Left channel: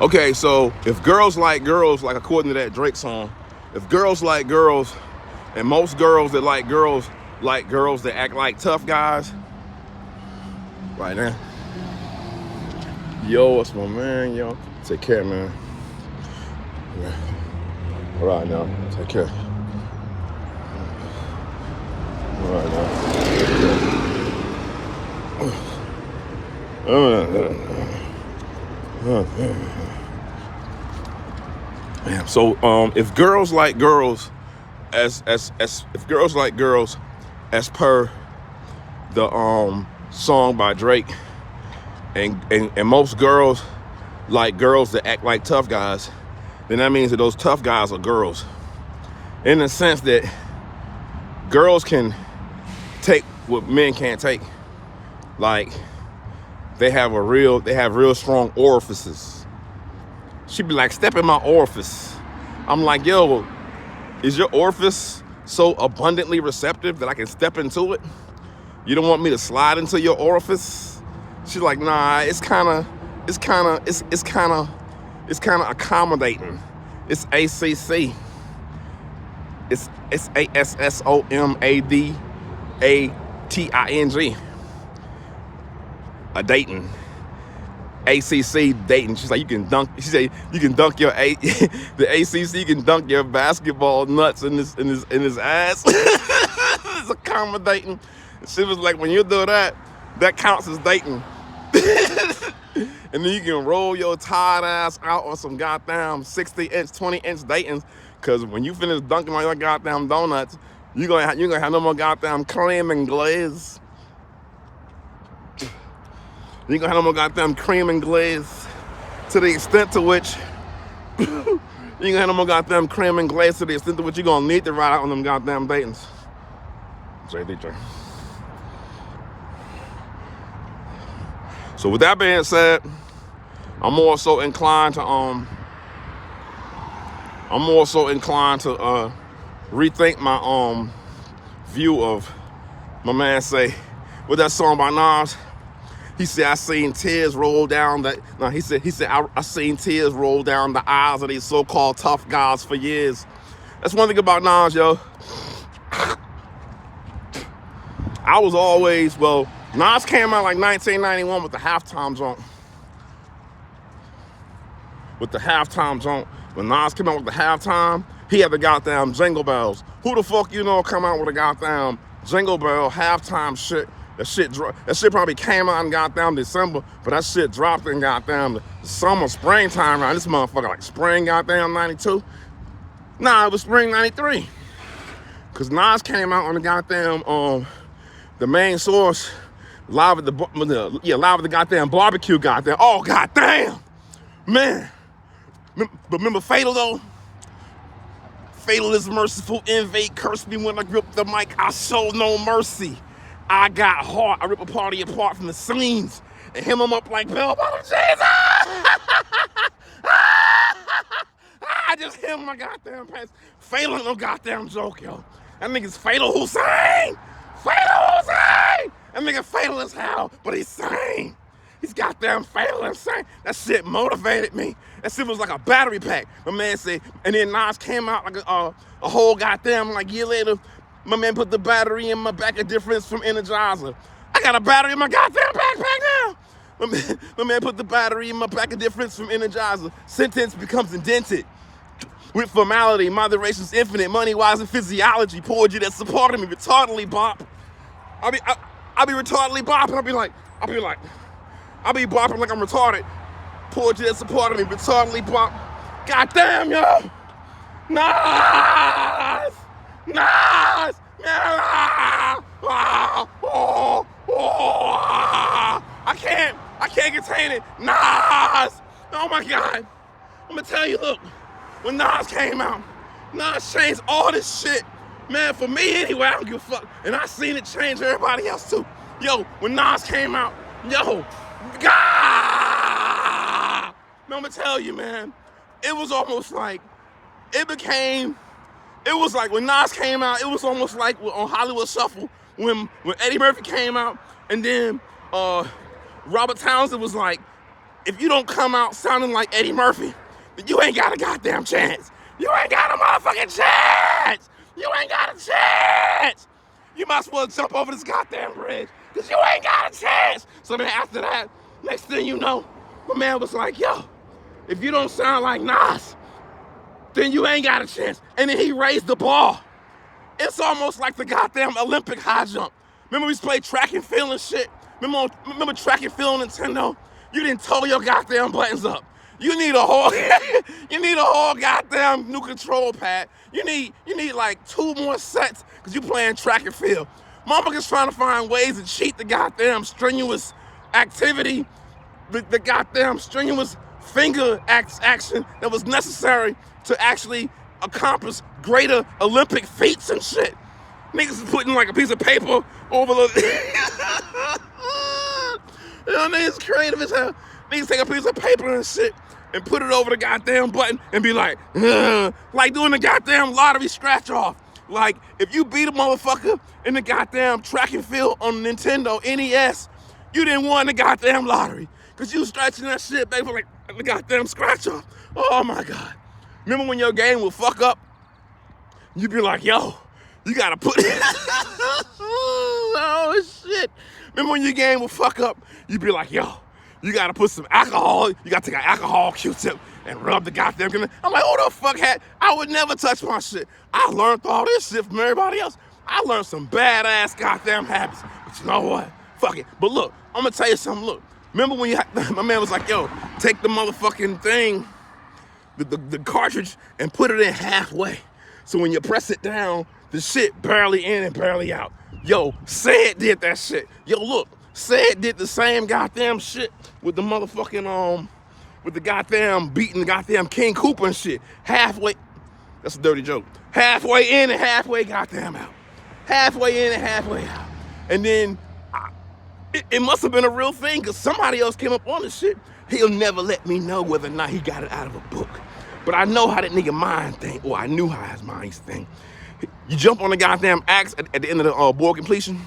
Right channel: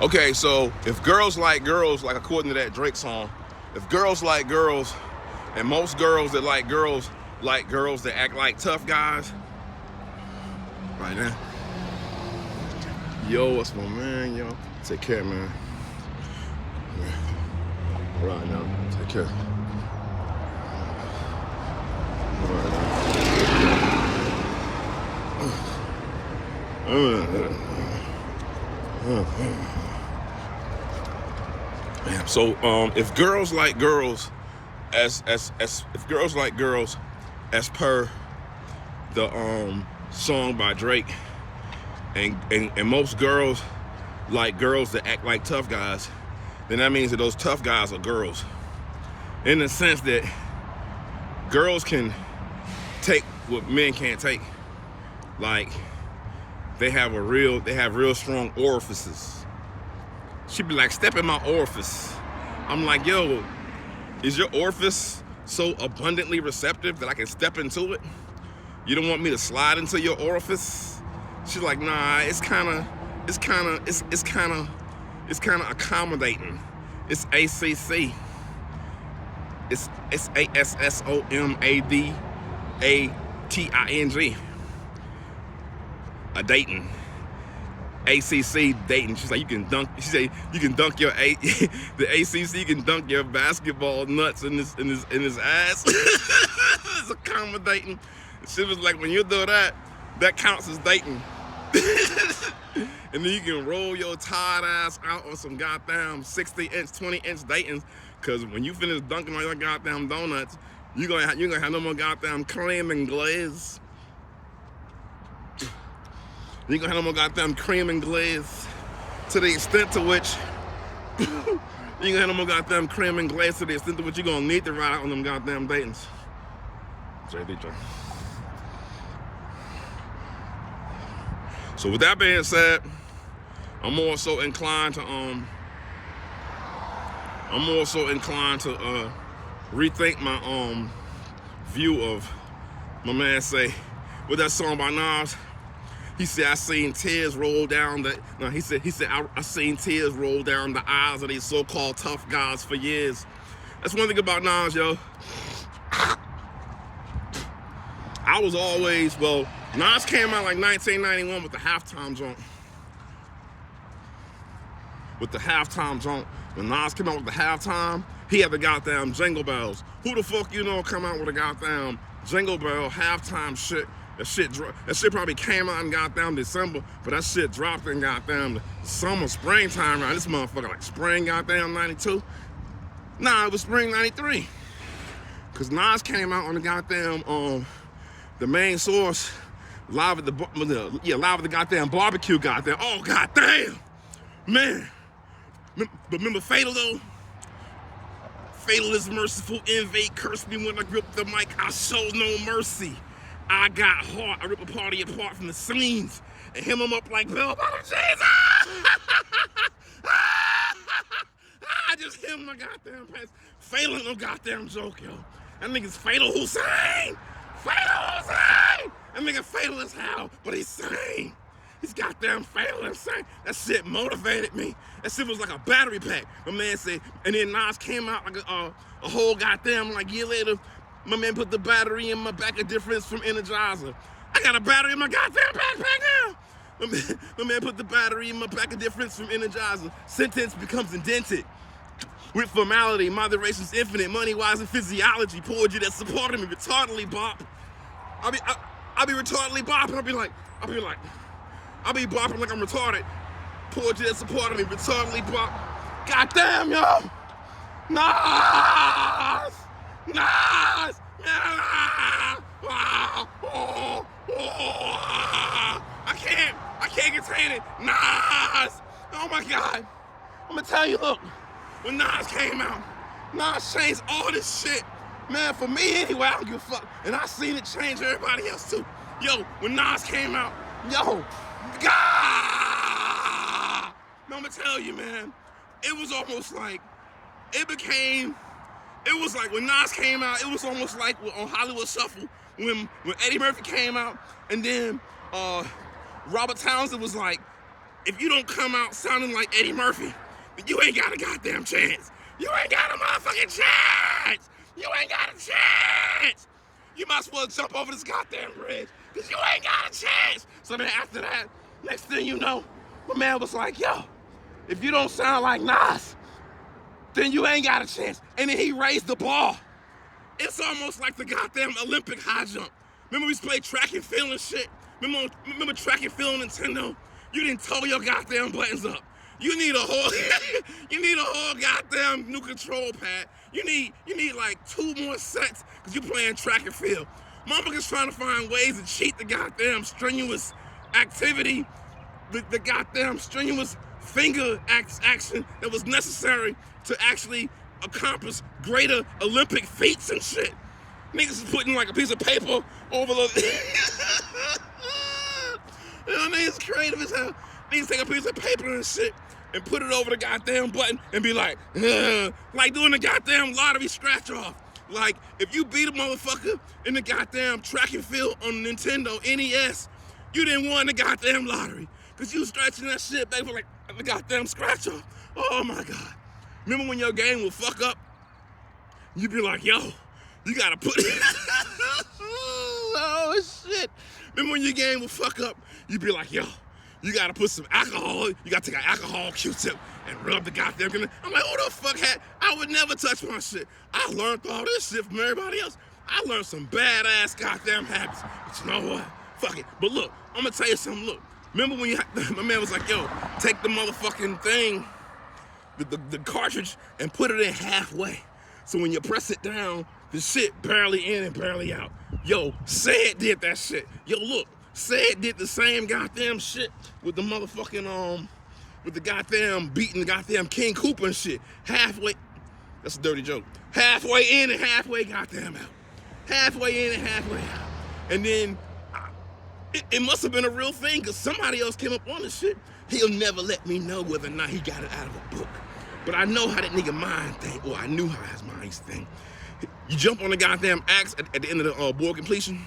Okay, so if girls, like according to that Drake song, if girls like girls, and most girls that like girls that act like tough guys, right now. Yo, what's my man, yo? Take care, man. All right, now. Take care. All right, now. So, if girls like girls, if girls like girls, as per the song by Drake, and most girls like girls that act like tough guys, then that means that those tough guys are girls. In the sense that girls can take what men can't take. Like, they have real strong orifices. She'd be like, step in my orifice. I'm like, yo, is your orifice so abundantly receptive that I can step into it? You don't want me to slide into your orifice? She's like, nah, it's kind of accommodating. It's ACC. It's ASSOMADATING. A dating. ACC dating. She's like, you can dunk. She said you can dunk your the ACC. You can dunk your basketball nuts in his ass. It's accommodating. She was like, when you do that, that counts as dating. And then you can roll your tired ass out on some goddamn 60-inch, 20-inch datings. Cause when you finish dunking on your goddamn donuts, you gonna have no more goddamn cream and glaze. You gonna have no more goddamn cream and glaze. To the extent to which you gonna have no more goddamn cream and glaze, to the extent to which you gonna need to ride out on them goddamn datings. JD. So with that being said, I'm more so inclined to rethink my view of my man say with that song by Nas. He said, I seen tears roll down I seen tears roll down the eyes of these so-called tough guys for years. That's one thing about Nas, yo. Nas came out like 1991 with the halftime joint. When Nas came out with the halftime, he had the goddamn Jingle Bells. Who the fuck you know come out with a goddamn Jingle Bell halftime shit? That shit probably came out in goddamn December, but that shit dropped in goddamn the summer, springtime around this motherfucker, like spring goddamn 92. Nah, it was spring 93. Cause Nas came out on the goddamn the main source, live at the goddamn barbecue goddamn. Oh goddamn, man. But remember Fatal though? Fatal is merciful, invade, curse me when I grip the mic, I show no mercy. I got heart, I rip a party apart from the seams and hem them up like Bill Bottom Jesus. I just hem my goddamn pants. Fatal ain't no goddamn joke, yo. That nigga's Fatal Hussein. Fatal Hussein. That nigga fatal as hell, but he's sane. He's goddamn fatal and sane. That shit motivated me. That shit was like a battery pack. My man said, and then Nas came out like a whole goddamn like year later. My man put the battery in my back, a difference from Energizer. I got a battery in my goddamn backpack now. My man put the battery in my back, a difference from Energizer. Sentence becomes indented. With formality, moderation's infinite, money-wise and physiology. Poetry that supported me, retardedly bop. I'll be retardedly bopping. I'll be bopping like I'm retarded. Poetry that supported me, retardedly bop. Goddamn, yo! Nas! Nas! I can't contain it. Nas! Oh my God. I'm gonna tell you, look, when Nas came out, Nas changed all this shit. Man, for me anyway, I don't give a fuck. And I seen it change everybody else too. Yo, when Nas came out, yo, God! Man, I'm gonna tell you, man, it was almost like, it was like when Nas came out, it was almost like on Hollywood Shuffle, when Eddie Murphy came out, and then Robert Townsend was like, if you don't come out sounding like Eddie Murphy, then you ain't got a goddamn chance. You ain't got a motherfucking chance. You ain't got a chance. You might as well jump over this goddamn bridge, because you ain't got a chance. So then after that, next thing you know, my man was like, yo, if you don't sound like Nas, then you ain't got a chance. And then he raised the bar. It's almost like the goddamn Olympic high jump. Remember we used to play track and field and shit? Remember track and field on Nintendo? You didn't toe your goddamn buttons up. You need a whole, goddamn new control pad. You need like 2 more sets because you playing track and field. Motherfuckers trying to find ways to cheat the goddamn strenuous activity, the goddamn strenuous finger action that was necessary to actually accomplish greater Olympic feats and shit. Niggas is putting like a piece of paper over the... You know, niggas creative as hell. Niggas take a piece of paper and shit and put it over the goddamn button and be like, ugh, like doing the goddamn lottery scratch off. Like, if you beat a motherfucker in the goddamn track and field on Nintendo NES, you didn't win the goddamn lottery. Cause you was scratching that shit, baby, like the goddamn scratch off. Oh my God. Remember when your game would fuck up? You'd be like, yo, you gotta put it. Oh shit. Remember when your game would fuck up? You'd be like, yo, you gotta put some alcohol. You gotta take an alcohol Q-tip and rub the goddamn. I'm like, who the fuck had? I would never touch my shit. I learned all this shit from everybody else. I learned some badass goddamn habits. But you know what? Fuck it. But look, I'm gonna tell you something. Look, remember when my man was like, yo, take the motherfucking thing, the cartridge, and put it in halfway. So when you press it down, the shit barely in and barely out. Yo, Said did that shit. Yo, look, Said did the same goddamn shit with the motherfucking, with the goddamn beating the goddamn King Koopa and shit. Halfway, that's a dirty joke. Halfway in and halfway goddamn out. Halfway in and halfway out. And then, it must have been a real thing, because somebody else came up on this shit. He'll never let me know whether or not he got it out of a book. But I know how that nigga mind think, or I knew how his mind think. You jump on the goddamn axe at the end of the board completion.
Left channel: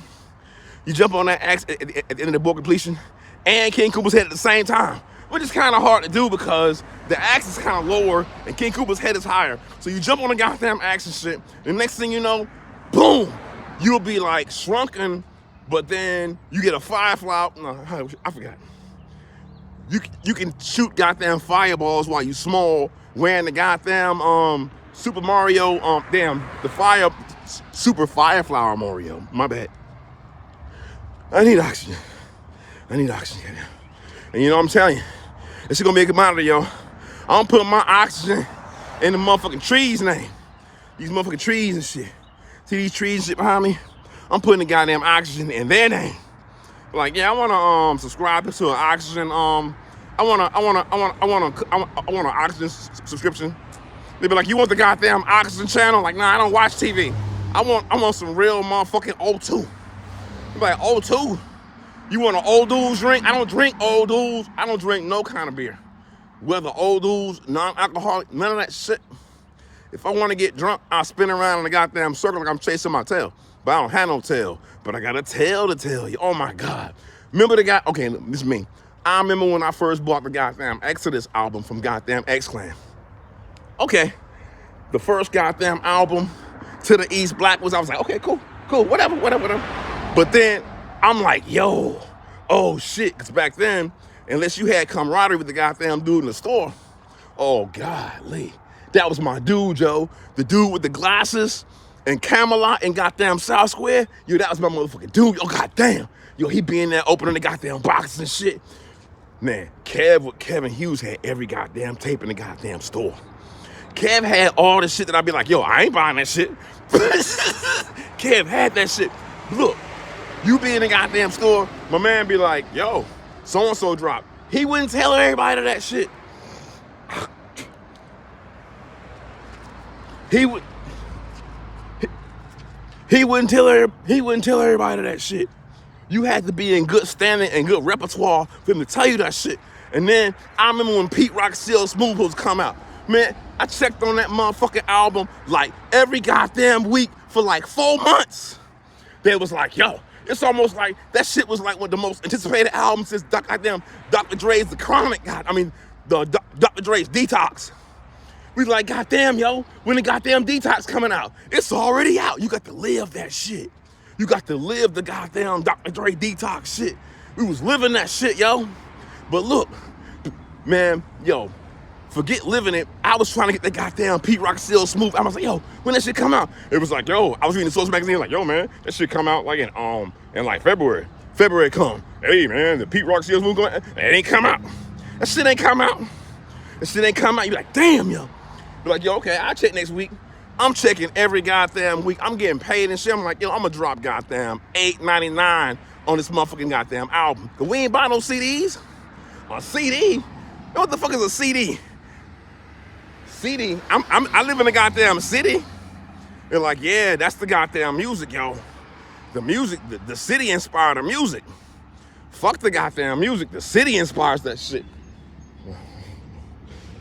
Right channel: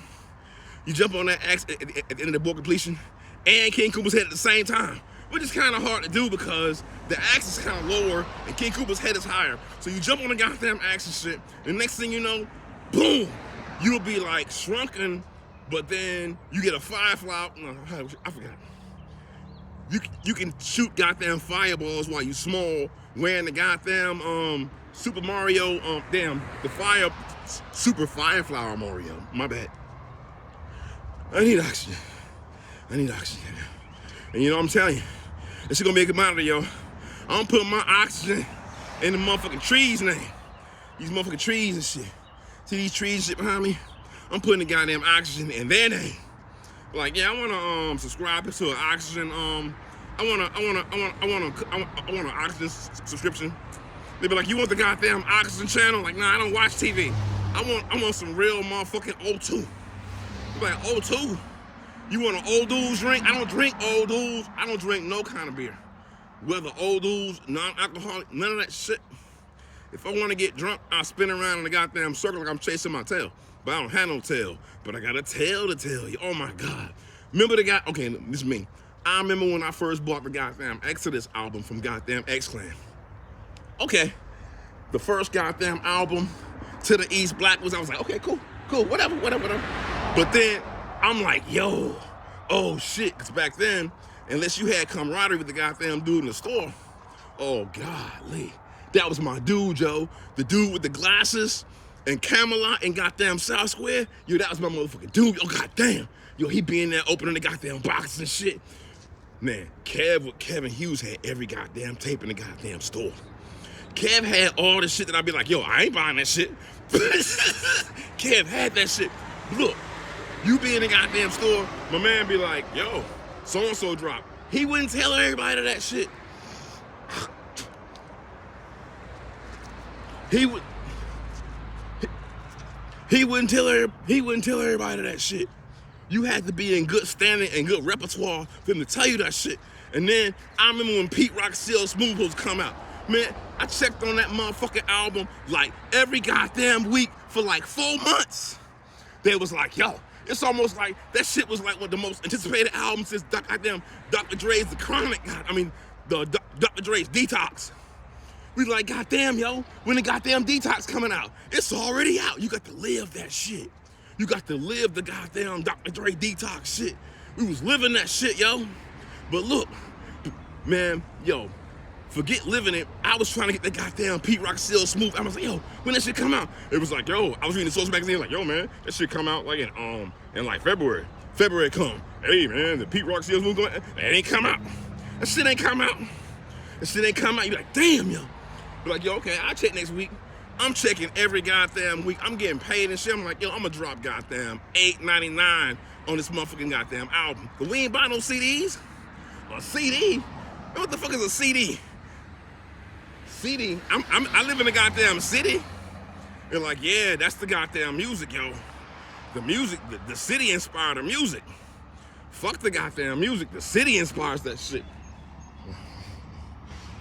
You jump on that axe at the end of the board completion, and King Koopa's head at the same time, which is kind of hard to do because the axe is kind of lower and King Koopa's head is higher. So you jump on the goddamn axe and shit, and the next thing you know, boom, you'll be like shrunken, but then you get a firefly. No, I forgot. You can shoot goddamn fireballs while you small, wearing the goddamn Super Mario, Super Fire Flower Mario. My bad. I need oxygen. And you know what I'm telling you, this is gonna be a commodity, yo. I'm putting my oxygen in the motherfucking trees' name. These motherfucking trees and shit. See these trees and shit behind me? I'm putting the goddamn oxygen in their name. Like, yeah, I wanna subscribe to an oxygen, I want an oxygen subscription. They be like, you want the goddamn oxygen channel? Like, nah, I don't watch TV. I want some real motherfucking O2. Be like, O2? You want an old dude's drink? I don't drink old dudes. I don't drink no kind of beer. Whether old dudes, non-alcoholic, none of that shit. If I want to get drunk, I'll spin around in a goddamn circle like I'm chasing my tail. But I don't have no tail. But I got a tale to tell you. Oh my God. Remember the guy? Okay, this is me. I remember when I first bought the goddamn Exodus album from goddamn X-Clan. Okay. The first goddamn album to the East Black was, I was like, okay, cool, whatever. But then I'm like, yo, oh shit. Because back then, unless you had camaraderie with the goddamn dude in the store, oh golly. That was my dude, Joe. The dude with the glasses and Camelot and goddamn South Square. Yo, that was my motherfucking dude. Oh, goddamn. Yo, he be in there opening the goddamn boxes and shit. Man, Kevin Hughes had every goddamn tape in the goddamn store. Kev had all the shit that I'd be like, yo, I ain't buying that shit. Kev had that shit. Look, you be in the goddamn store, my man be like, yo, so-and-so dropped. He wouldn't tell everybody that shit. He wouldn't tell everybody that shit. You had to be in good standing and good repertoire for him to tell you that shit. And then I remember when Pete Rock Seal Smooth was come out. Man, I checked on that motherfucking album like every goddamn week for like 4 months. They was like, yo, It's almost like that shit was like one of the most anticipated albums since goddamn Dr. Dre's The Chronic. Dr. Dre's Detox. We like, goddamn, yo, when the goddamn Detox coming out? It's already out. You got to live that shit. You got to live the goddamn Dr. Dre Detox shit. We was living that shit, yo. But look, man, yo, forget living it. I was trying to get the goddamn Pete Rock Seal Smooth. I was like, yo, when that shit come out? It was like, yo, I was reading the Source magazine, like, yo, man, that shit come out like in like February. February come. Hey, man, the Pete Rock Seal Smooth come out. It ain't come out. That shit ain't come out. That shit ain't come out. You like, damn, yo. Be like, yo, okay, I'll check next week. I'm checking every goddamn week. I'm getting paid and shit. I'm like, yo, I'm gonna drop goddamn $8.99 on this motherfucking goddamn album. Cause we ain't buying no CDs. A CD? What the fuck is a CD? CD? I live in a goddamn city. They're like, yeah, that's the goddamn music, yo. The music, the city inspired the music. Fuck the goddamn music. The city inspires that shit.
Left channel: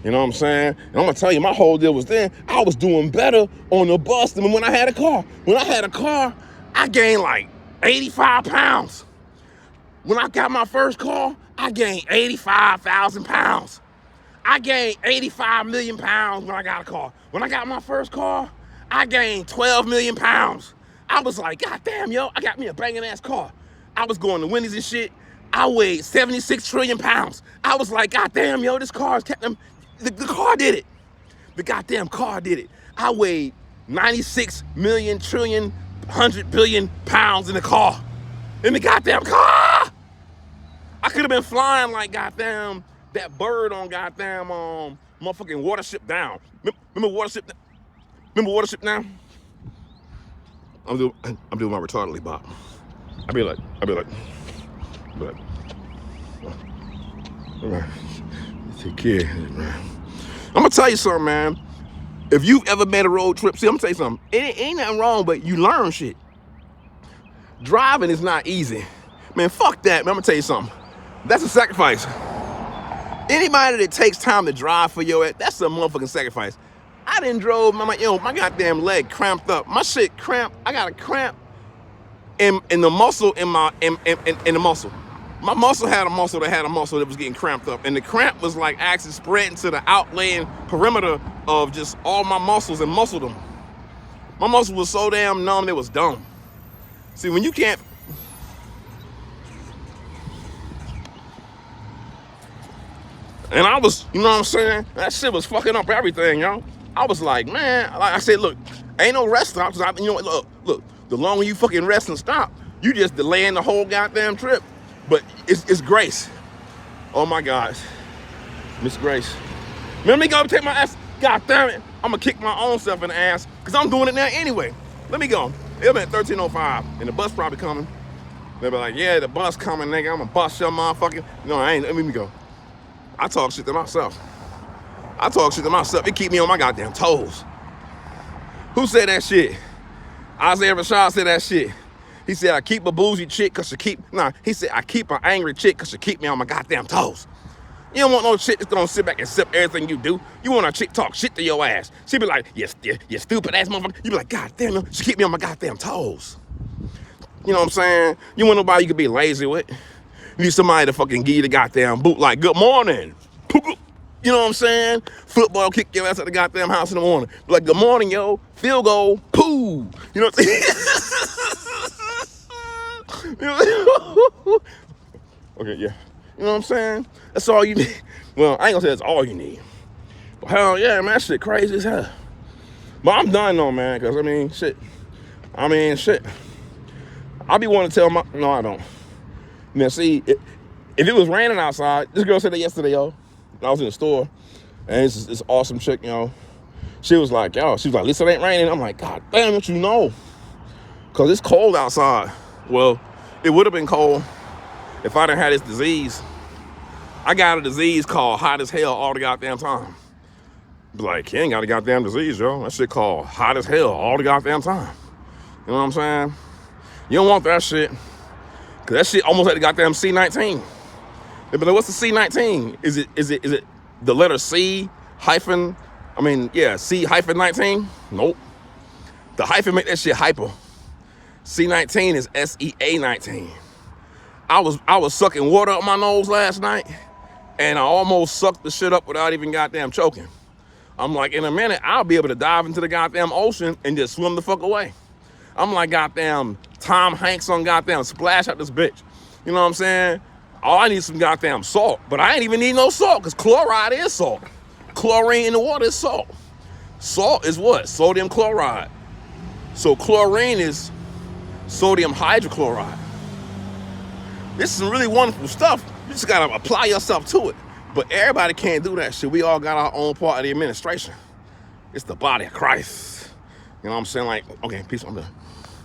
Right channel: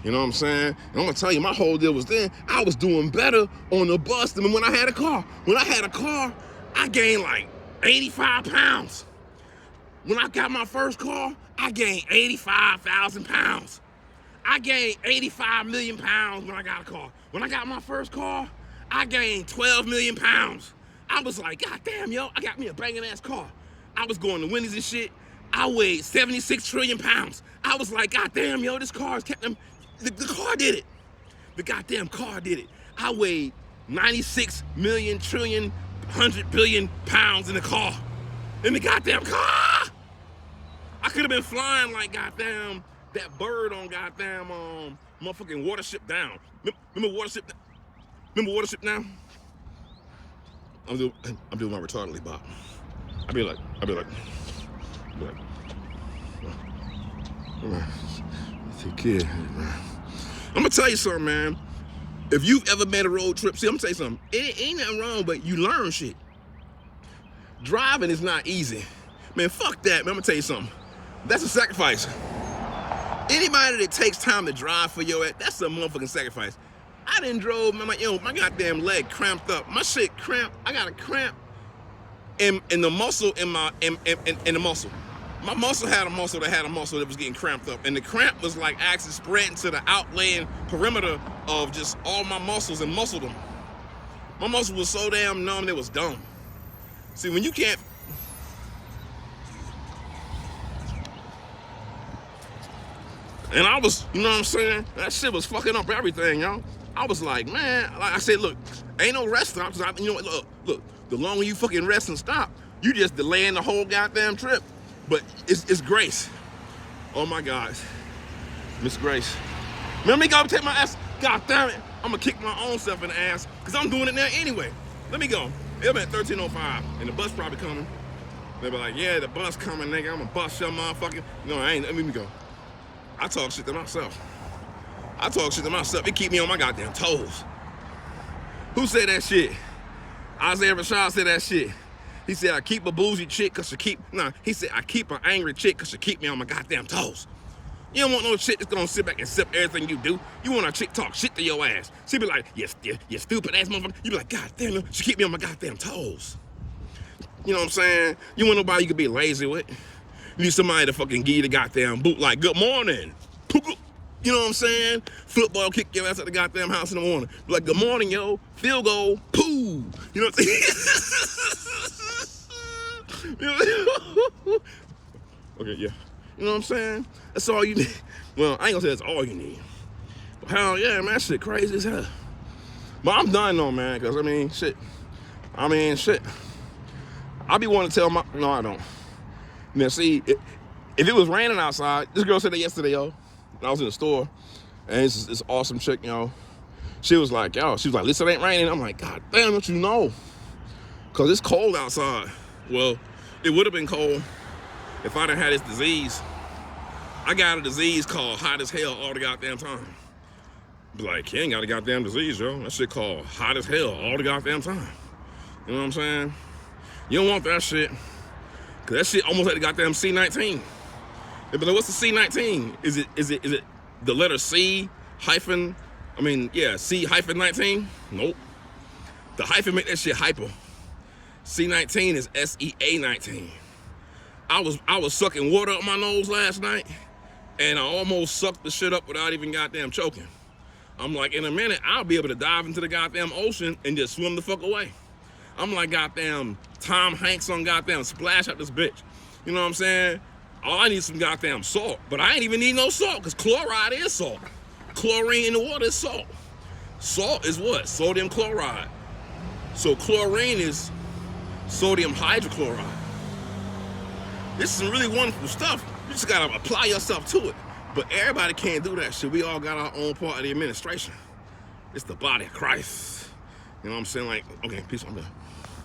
You know what I'm saying? And I'm gonna tell you, my whole deal was then, I was doing better on the bus than when I had a car. When I had a car, I gained like 85 pounds. When I got my first car, I gained 85,000 pounds. I gained 85 million pounds when I got a car. When I got my first car, I gained 12 million pounds. I was like, God damn, yo, I got me a banging ass car. I was going to Wendy's and shit. I weighed 76 trillion pounds. I was like, God damn, yo, this car's kept them. The car did it. The goddamn car did it. I weighed 96 million trillion 100 billion pounds in the car. In the goddamn car! I could have been flying like goddamn that bird on goddamn motherfucking Watership Down. Remember Watership? Remember Watership Down? I'm doing my retardedly bop. I be like, take care, man. I'm gonna tell you something, man. If you've ever made a road trip, see, I'm gonna tell you something. It ain't nothing wrong, but you learn shit. Driving is not easy. Man, fuck that, man. I'm gonna tell you something. That's a sacrifice. Anybody that takes time to drive for your ass, that's a motherfucking sacrifice. I done drove, my goddamn leg cramped up. My shit cramped. I got a cramp in the muscle, in the muscle. My muscle had a muscle that was getting cramped up. And the cramp was like actually spreading to the outlaying perimeter of just all my muscles and muscled them. My muscle was so damn numb, it was dumb. See, when you can't... And I was, you know what I'm saying? That shit was fucking up everything, yo. I was like, man, like I said, look, ain't no rest stop. Cause you know what, look, the longer you fucking rest and stop, you just delaying the whole goddamn trip. But it's Grace. Oh my gosh. Miss Grace. Let me go take my ass. God damn it. I'm gonna kick my own self in the ass because I'm doing it now anyway. Let me go. It'll be at 13:05 and the bus probably coming. They'll be like, yeah, the bus coming, nigga. I'm gonna bust your motherfucking. No, I ain't. Let me go. I talk shit to myself. It keep me on my goddamn toes. Who said that shit? Isaiah Rashad said that shit. He said, I keep a bougie chick because he said, I keep an angry chick because she keep me on my goddamn toes. You don't want no chick that's gonna sit back and accept everything you do. You want a chick talk shit to your ass. She be like, you stupid ass motherfucker. You be like, God damn, she keep me on my goddamn toes. You know what I'm saying? You want nobody you can be lazy with. You need somebody to fucking give you the goddamn boot like, good morning. You know what I'm saying? Football kick your ass at the goddamn house in the morning. Be like, good morning, yo. Field goal, poo. You know what I'm saying? Okay, yeah. You know what I'm saying? That's all you need. Well, I ain't gonna say that's all you need. But hell yeah, man, that shit crazy as hell. But I'm done though, man, because shit. I be wanting to tell my, no, I don't. Now see, if it was raining outside, this girl said that yesterday, yo. I was in the store, and it's this awesome chick, yo. She was like, at least it ain't raining. I'm like, God damn it, you know. Because it's cold outside. Well, it would have been cold if I didn't have this disease. I got a disease called hot as hell all the goddamn time. Be like, you ain't got a goddamn disease, yo. That shit called hot as hell all the goddamn time. You know what I'm saying? You don't want that shit. Because that shit almost like the goddamn C-19. They be like, what's the C-19? Is it the letter C hyphen? C hyphen 19? Nope. The hyphen make that shit hyper. C19 is SEA19. I was sucking water up my nose last night, and I almost sucked the shit up without even goddamn choking. I'm like, in a minute, I'll be able to dive into the goddamn ocean and just swim the fuck away. I'm like goddamn Tom Hanks on goddamn Splash out this bitch. You know what I'm saying? All I need is some goddamn salt, but I ain't even need no salt because chloride is salt. Chlorine in the water is salt. Salt is what? Sodium chloride. So chlorine is sodium hydrochloride. This is some really wonderful stuff. You just gotta apply yourself to it. But everybody can't do that shit. We all got our own part of the administration. It's the body of Christ. You know what I'm saying? Like, okay, peace, I'm done.